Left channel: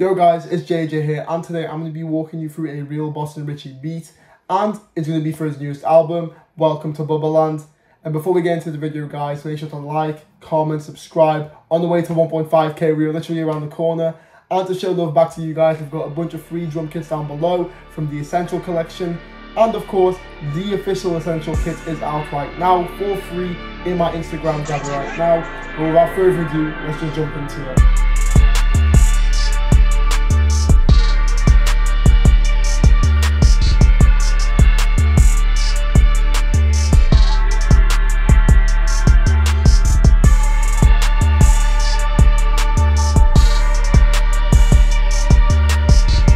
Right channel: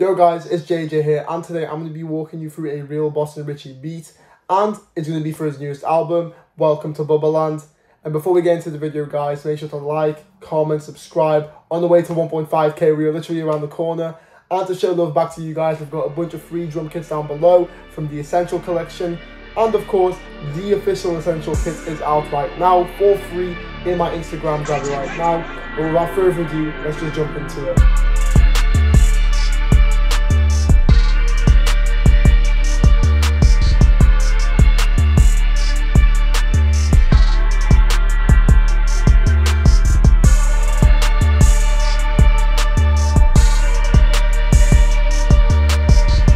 Yo guys, it's JJ here, and today I'm going to be walking you through a real Boston Richey beat, and it's going to be for his newest album, Welcome to Bubba Land. And before we get into the video guys, make sure to like, comment, subscribe. On the way to 1.5k, we are literally around the corner. And to show love back to you guys, we've got a bunch of free drum kits down below from the Essential collection. And of course, the official Essential kit is out right now for free in my Instagram, grab it right now. But without further ado, let's just jump into it.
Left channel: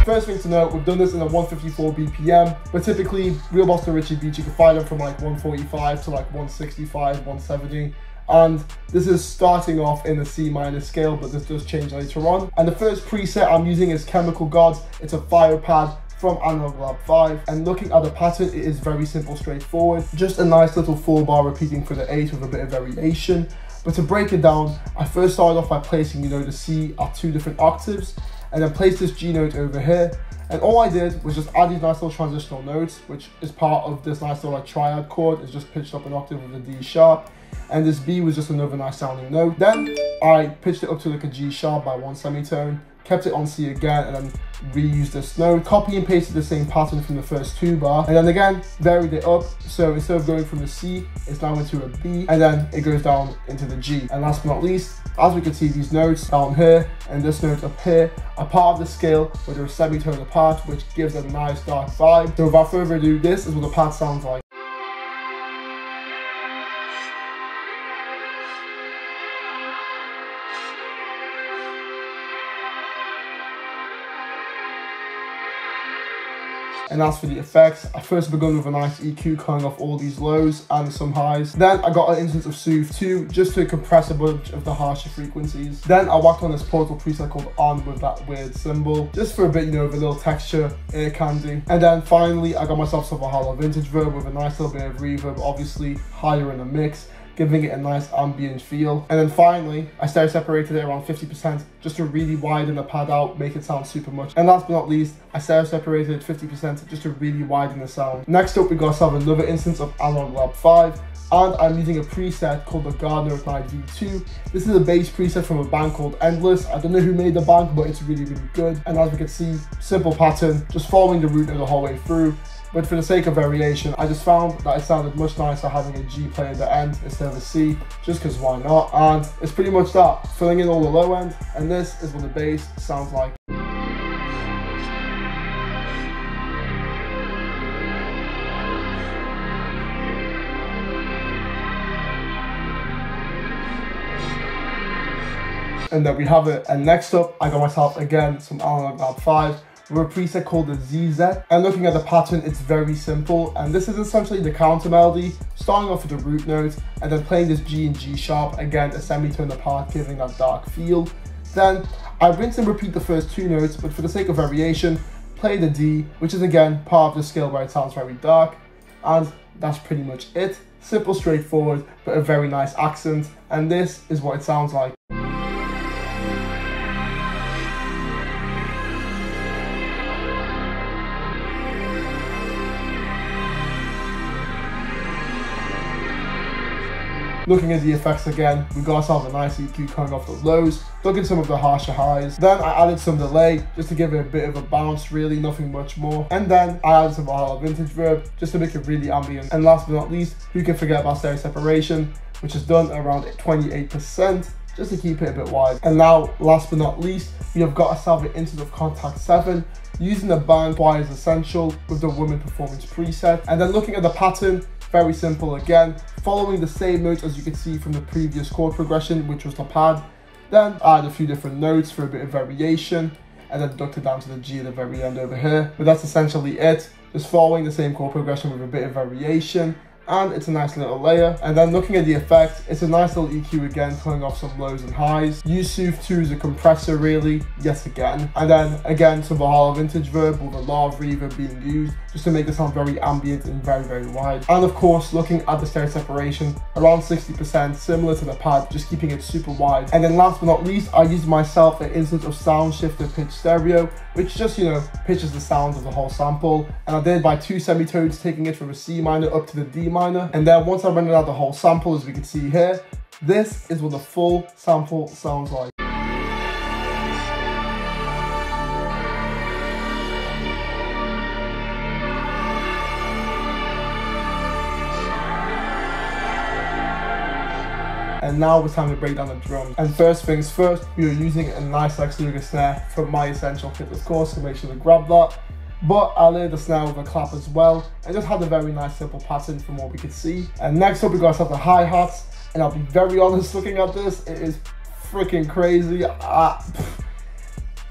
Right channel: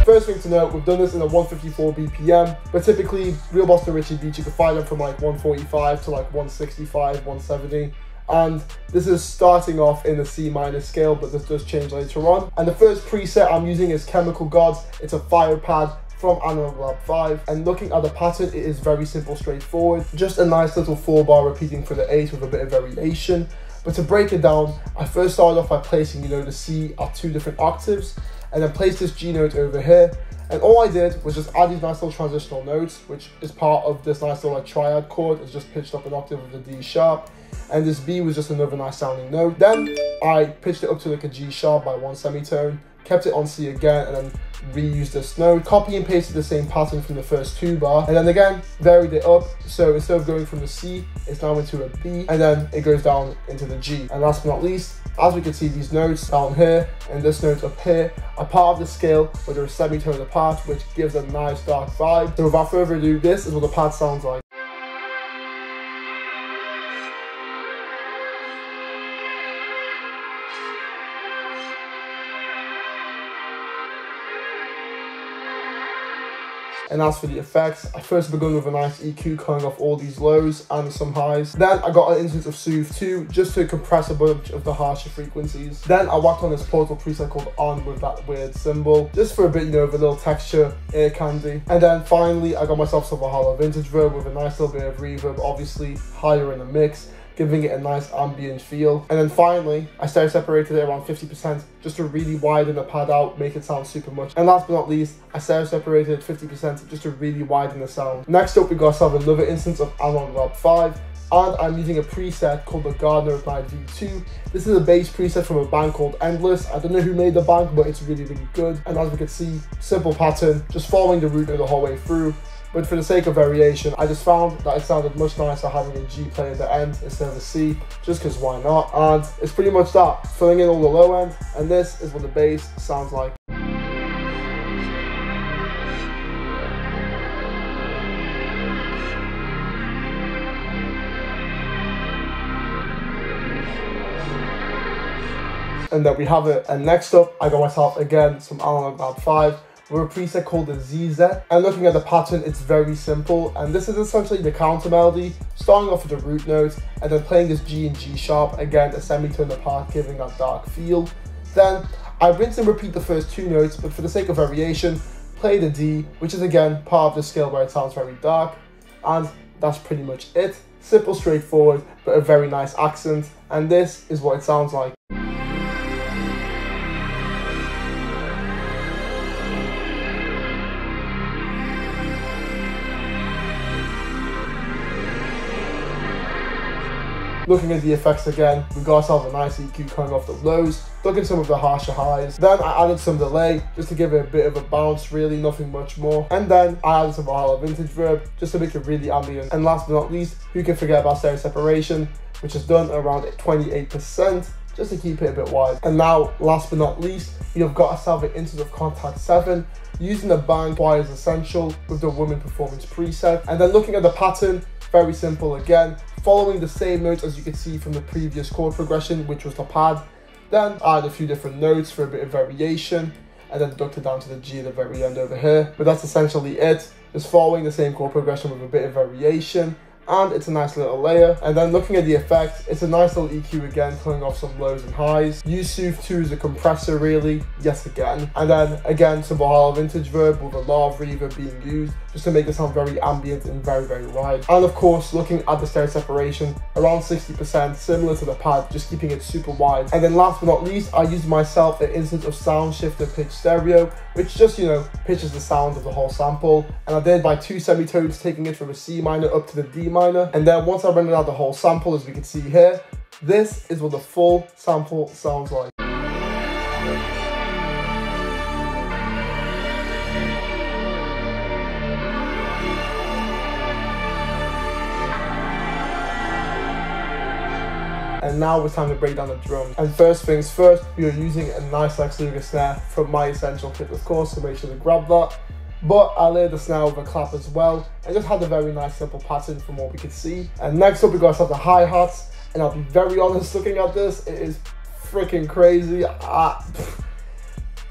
First thing to note, we've done this in a 154 BPM, but typically real Boston Richey beats, you can find them from like 145 to like 165, 170. And this is starting off in the C minor scale, but this does change later on. And the first preset I'm using is Chemical Gods. It's a fire pad from Analog Lab 5. And looking at the pattern, it is very simple, straightforward. Just a nice little 4-bar repeating for the 8 with a bit of variation. But to break it down, I first started off by placing, the C at 2 different octaves, and then placed this G note over here. And all I did was just add these nice little transitional notes, which is part of this nice little like triad chord. It's just pitched up an octave with a D sharp. And this B was just another nice sounding note. Then I pitched it up to like a G sharp by 1 semitone, kept it on C again, and then reused this note, copy and pasted the same pattern from the first 2-bar, and then again varied it up. So instead of going from the C, it's now into a B, and then it goes down into the G. And last but not least, as we can see, these notes down here and this note up here are part of the scale where they're a semitone apart, which gives a nice dark vibe. So without further ado, this is what the pad sounds like. And as for the effects, I first begun with a nice EQ cutting off all these lows and some highs. Then I got an instance of Soothe 2 just to compress a bunch of the harsher frequencies. Then I whacked on this Portal preset called On with that weird symbol, just for a bit, of a little texture, ear candy. And then finally, I got myself some Valhalla Vintage Verb with a nice little bit of reverb, obviously higher in the mix, giving it a nice ambient feel. And then finally, I stereo separated it around 50% just to really widen the pad out, make it sound super much. And last but not least, I stereo separated 50% just to really widen the sound. Next up, we got ourselves another instance of Analog Lab 5, and I'm using a preset called the Gardner Ignite V2. This is a bass preset from a band called Endless. I don't know who made the band, but it's really, really good. And as we can see, simple pattern, just following the root note the whole way through. But for the sake of variation, I just found that it sounded much nicer having a G play in the end instead of a C, just because why not? And it's pretty much that, filling in all the low end, and this is what the bass sounds like. And then we have it. And next up, I got myself again some Analog Lab 5 with a preset called the ZZ. And looking at the pattern, it's very simple. And this is essentially the counter melody, starting off with the root note and then playing this G and G sharp, again a semitone apart, giving that dark feel. Then I rinse and repeat the first 2 notes, but for the sake of variation, play the D, which is again part of the scale where it sounds very dark. And that's pretty much it. Simple, straightforward, but a very nice accent. And this is what it sounds like. Looking at the effects again, we got ourselves a nice EQ coming off the lows, dug in some of the harsher highs. Then I added some delay just to give it a bit of a bounce, really nothing much more. And then I added some Valhalla Vintage Verb just to make it really ambient. And last but not least, who can forget about stereo separation, which is done around 28%, just to keep it a bit wide. And now, last but not least, we have got ourselves an instance of Contact 7, using the band Choir's Essential with the Woman Performance preset. And then looking at the pattern, very simple again, following the same notes as you can see from the previous chord progression, which was the pad. Then add a few different notes for a bit of variation, and then deduct it down to the G at the very end over here. But that's essentially it, just following the same chord progression with a bit of variation. and it's a nice little layer. And then looking at the effect, it's a nice little EQ again, pulling off some lows and highs. Use Sooth 2 as a compressor really, yet again. And then again, some Valhalla Vintage Verb with a lot of reverb being used, just to make it sound very ambient and very, very wide. And of course, looking at the stereo separation, around 60%, similar to the pad, just keeping it super wide. And then last but not least, I used myself an instance of Sound Shifter Pitch Stereo, which just, you know, pitches the sound of the whole sample. And I did by 2 semitones, taking it from a C minor up to the D minor. And then once I rendered out the whole sample, as we can see here, this is what the full sample sounds like. And now it's time to break down the drums. And first things first, we are using a nice Lex Luger snare from my essential kit, of course, so make sure to grab that. But I layered the snare with a clap as well, and just had a very nice simple pattern from what we could see. And next up we got ourselves the hi-hats, and I'll be very honest, looking at this, it is freaking crazy. I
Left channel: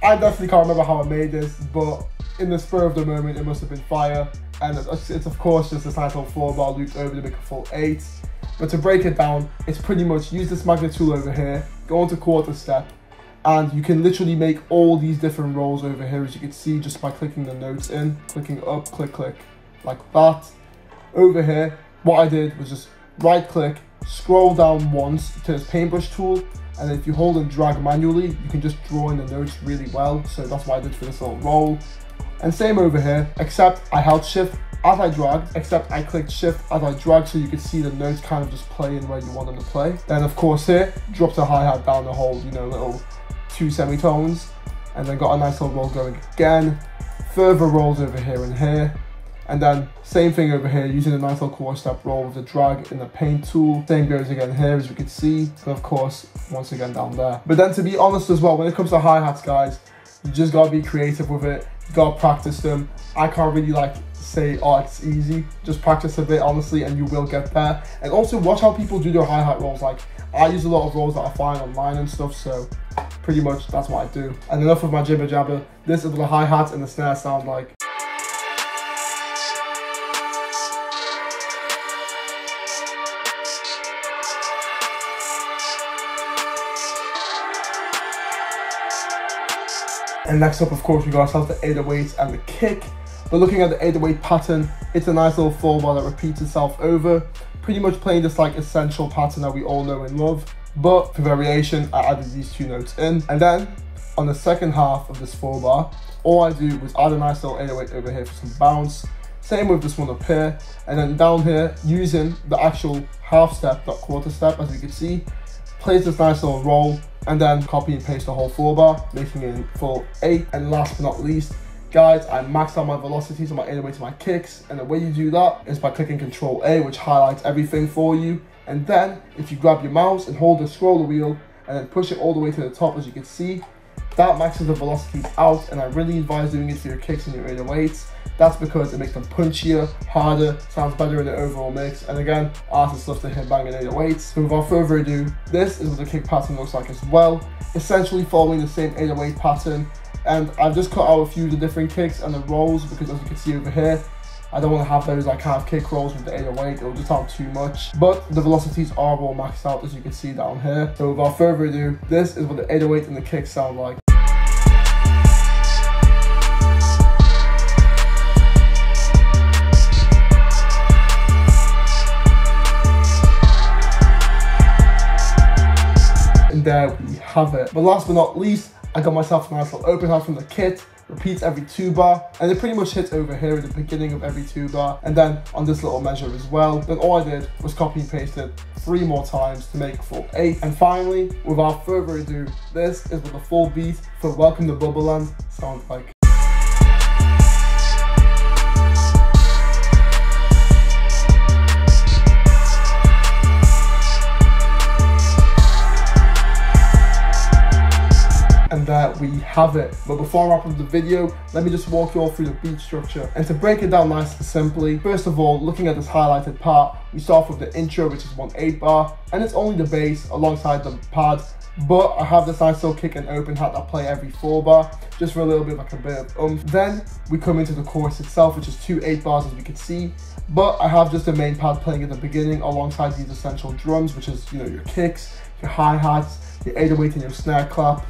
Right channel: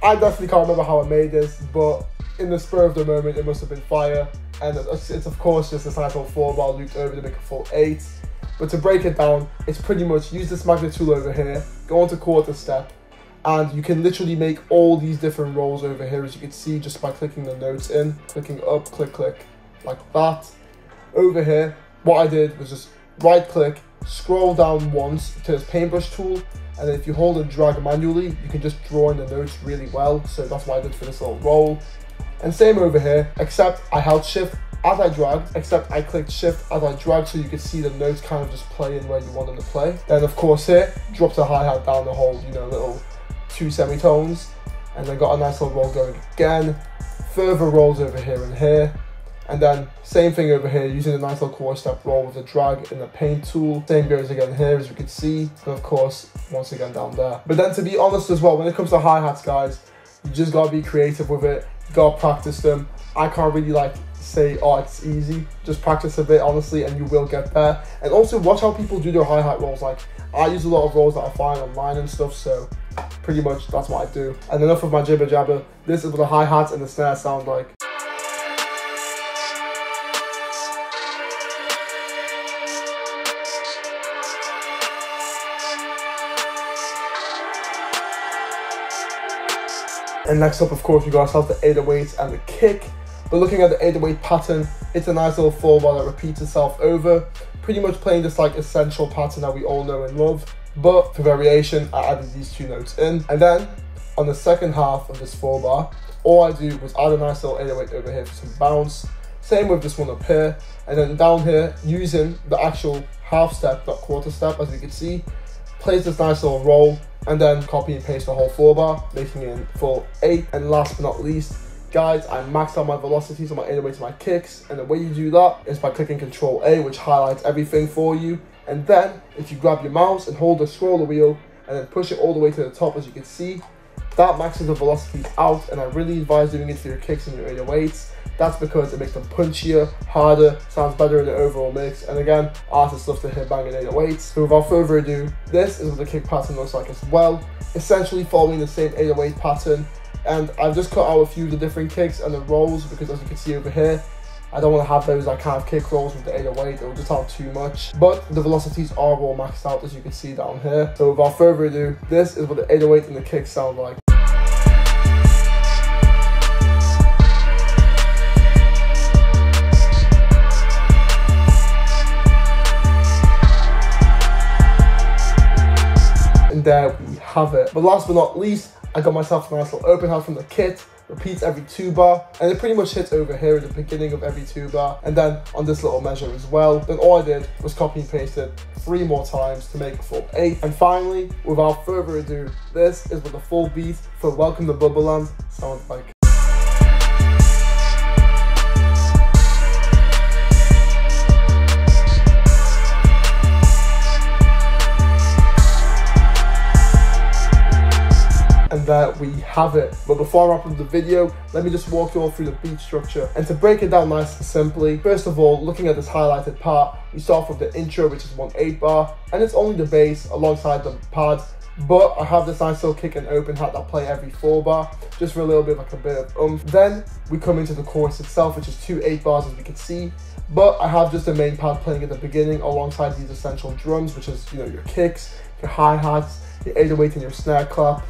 definitely can't remember how I made this, but in the spur of the moment it must have been fire. And it's of course just this nice little 4-bar looped over to make a full 8. But to break it down, it's pretty much use this magnet tool over here, go into quarter step, and you can literally make all these different rolls over here, as you can see, just by clicking the notes in, clicking up, click, click, like that. Over here, what I did was just right click, scroll down once to this paintbrush tool, and then if you hold and drag manually, you can just draw in the notes really well. So that's what I did for this little roll. And same over here, except I held shift as I dragged, except I clicked shift as I dragged, so you could see the notes kind of just play in where you want them to play. Then of course here, dropped a hi-hat down the whole, you know, little 2 semitones, and then got a nice little roll going again. Further rolls over here and here, and then same thing over here, using a nice little quarter step roll with the drag in the paint tool. Same goes again here, as we can see, and of course once again down there. But then to be honest as well, when it comes to hi-hats, guys, you just gotta be creative with it, you gotta practice them. I can't really like say, oh, it's easy. Just practice a bit, honestly, and you will get there. And also watch how people do their hi-hat rolls. Like, I use a lot of rolls that I find online and stuff, so pretty much that's what I do. And enough of my jibber jabber. This is what the hi-hats and the snare sound like. And next up, of course, we got ourselves the 808s and the kick. But looking at the 808 pattern, it's a nice little 4-bar that repeats itself over, pretty much playing this like essential pattern that we all know and love. But for variation, I added these 2 notes in. And then on the second half of this 4-bar, all I do was add a nice little 808 over here for some bounce. Same with this one up here. And then down here, using the actual half step, not quarter step, as we can see, plays this nice little roll, and then copy and paste the whole 4-bar, making it in full 8. And last but not least, guys, I maxed out my velocities on my 808s and my kicks, and the way you do that is by clicking Control A, which highlights everything for you. And then if you grab your mouse and hold the scroller wheel and then push it all the way to the top, as you can see, that maxes the velocities out. And I really advise doing it for your kicks and your 808s. That's because it makes them punchier, harder, sounds better in the overall mix. And again, artists love to hear banging 808s. So without further ado, this is what the kick pattern looks like as well. Essentially following the same 808 pattern. And I've just cut out a few of the different kicks and the rolls, because as you can see over here, I don't want to have those like kind of kick rolls with the 808, it'll just sound too much. But the velocities are all maxed out, as you can see down here. So without further ado, this is what the 808 and the kicks sound like. And there we have it. But last but not least, I got myself a nice little open hat from the kit. Repeats every 2-bar, and it pretty much hits over here at the beginning of every 2-bar, and then on this little measure as well. Then all I did was copy and paste it 3 more times to make a full 8. And finally, without further ado, this is what the full beat for Welcome to Bubba Land sounds like. And there we have it. But before I wrap up the video, let me just walk you all through the beat structure. And to break it down nice and simply, first of all, looking at this highlighted part, we start off with the intro, which is 1 8-bar, and it's only the bass alongside the pad but I have this nice little kick and open hat that play every 4 bar, just for a little bit of like a bit of oomph. Then we come into the chorus itself, which is 2 8 bars as we can see, but I have just the main pad playing at the beginning alongside these essential drums, which is, you know, your kicks, your hi-hats, your 808 and your snare clap.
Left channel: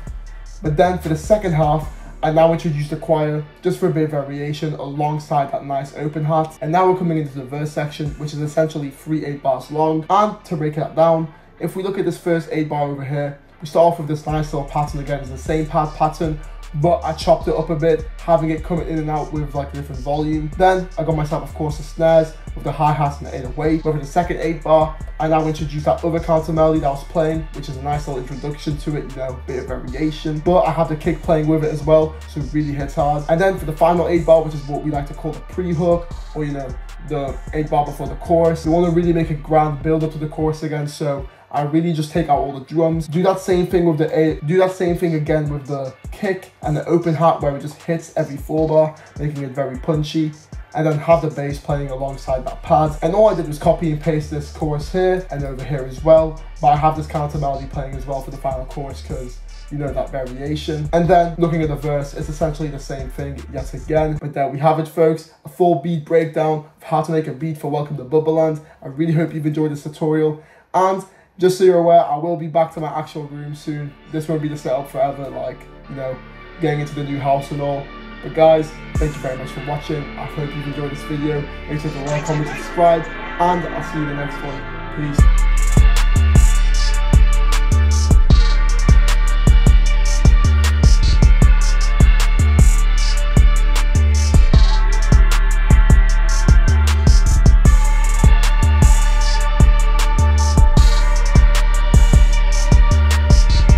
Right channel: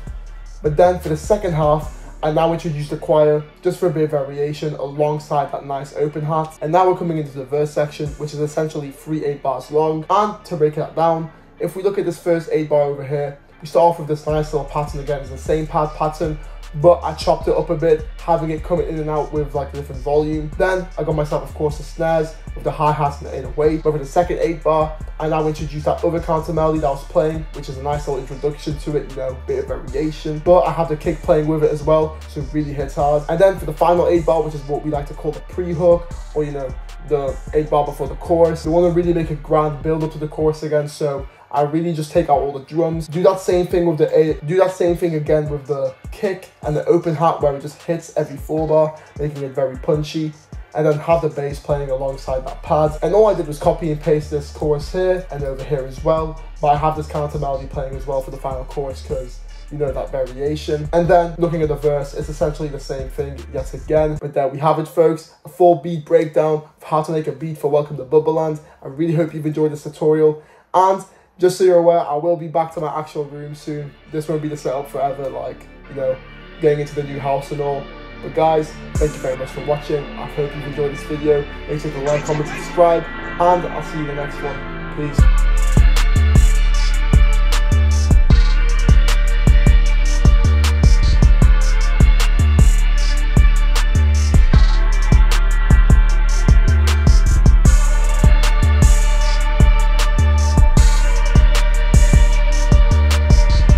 But then for the second half, I now introduce the choir just for a bit of variation alongside that nice open hat. And now we're coming into the verse section, which is essentially 3 8 bars long. And to break that down, if we look at this first 8 bar over here, we start off with this nice little pattern again. It's the same pad pattern, but I chopped it up a bit, having it coming in and out with like a different volume. Then I got myself, of course, the snares with the hi-hats and the 808. But for the second 8 bar, I now introduced that other counter melody that I was playing, which is a nice little introduction to it, you know, bit of variation. But I have the kick playing with it as well, so it really hits hard. And then for the final 8 bar, which is what we like to call the pre-hook, or, you know, the 8 bar before the chorus, we want to really make a grand build up to the chorus again. So I really just take out all the drums, do that same thing with do that same thing again with the kick and the open hat, where it just hits every 4 bar, making it very punchy, and then have the bass playing alongside that pad. And all I did was copy and paste this chorus here and over here as well, but I have this counter melody playing as well for the final chorus because, you know, that variation. And then looking at the verse, it's essentially the same thing yet again. But there we have it, folks, a full beat breakdown of how to make a beat for Welcome to Bubba Land. I really hope you've enjoyed this tutorial, and just so you're aware, I will be back to my actual room soon. This won't be the setup forever, like, you know, getting into the new house and all. But guys, thank you very much for watching. I hope you've enjoyed this video. Make sure to like, comment, subscribe, and I'll see you in the next one. Peace.